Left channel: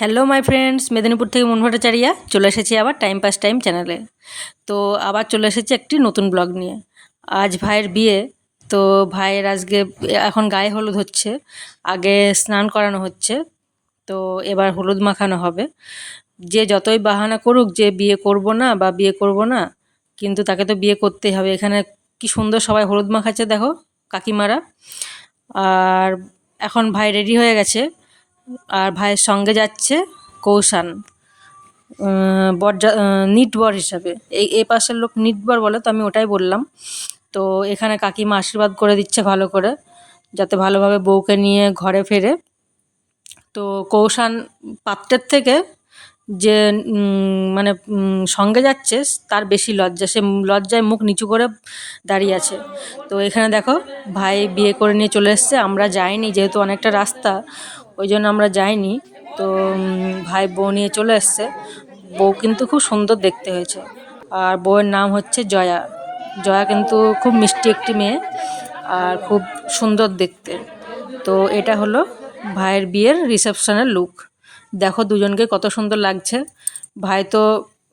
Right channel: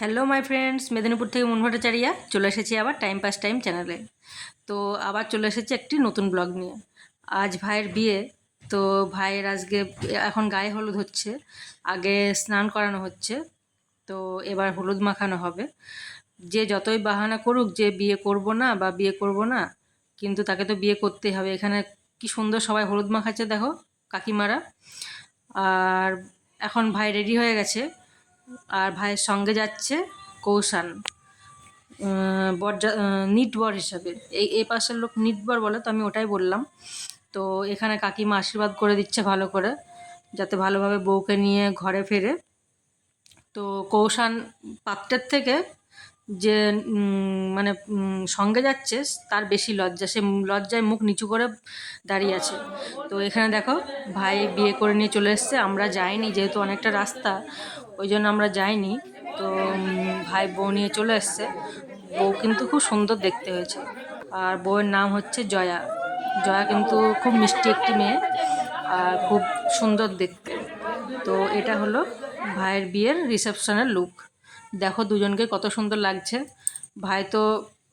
Hello my friends Medinipur থেকে মন ভট্টাচারিয়া চলে এসেছি আবার টাইম পাস টাইম চ্যানেলে তো আবার চলে এসেছি একটি নতুন ব্লগ নিয়ে। আজ ভাইয়ের বিয়ে, তো ভাইয়ের আজকে এখন গায়ে হলুদ হচ্ছে, আগে স্নান করানো হচ্ছে, তো এবার হলুদ মাখানো হবে। যে যতই বাহানা করুক, যে বিয়ে করব না বা বিয়ে করব না, কিন্তু তাকে তো বিয়ে করতেই হবে। এখানে কি সুন্দর সবাই হলুদ মাখাচ্ছে, দেখো, কাকিমারা। আর এখন ভাই রেডি হয়ে গেছে। আর ভাইয়ের সঙ্গে যাচ্ছে কৌশান বর নিটবর হিসাবে। এই এ পাশের লোক নিটবর বলে, তো আমি ওটাই বললাম। তো এখানে কাকিমা আশীর্বাদ করে দিচ্ছে ভালো করে, যাতে ভালোভাবে বউকে নিয়ে ঘরে ফেরে। তো কৌশান পাত্রের থেকে যে মানে সঙ্গে যাচ্ছে, তার বেশি লজ্জা। সে লজ্জায় মুখ নিচু করে দাঁড়িয়ে আছে। তো এখানে দেখো, ভাই বিয়ে করে নিয়ে চলে এসছে। আমরা যাইনি, যেহেতু অনেকটা রাস্তা, ওই জন্য আমরা যাইনি। তো ভাই বউ নিয়ে চলে এসছে। বউ কিন্তু খুব সুন্দর দেখতে হয়েছে। আর বউয়ের নাম হচ্ছে জয়া। জয়া কিন্তু খুব মিষ্টি একটি মেয়ে আর খুব সুন্দর দেখতে। তো এটা হলো ভাইয়ের বিয়ের রিসেপশনের লুক। দেখো দুজনকে কত সুন্দর লাগছে। ভাই তো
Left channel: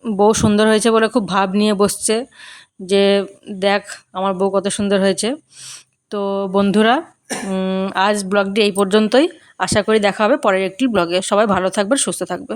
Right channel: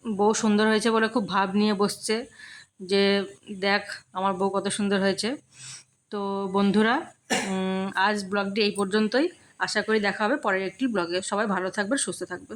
বউ সুন্দর হয়েছে বলে খুব ভাব নিয়ে বসছে যে দেখ আমার বউ কত সুন্দর হয়েছে। তো বন্ধুরা আজ ব্লগটি এই পর্যন্তই। আশা করি দেখা হবে পরের একটি ব্লগে সবাই ভালো থাকবে সুস্থ থাকবে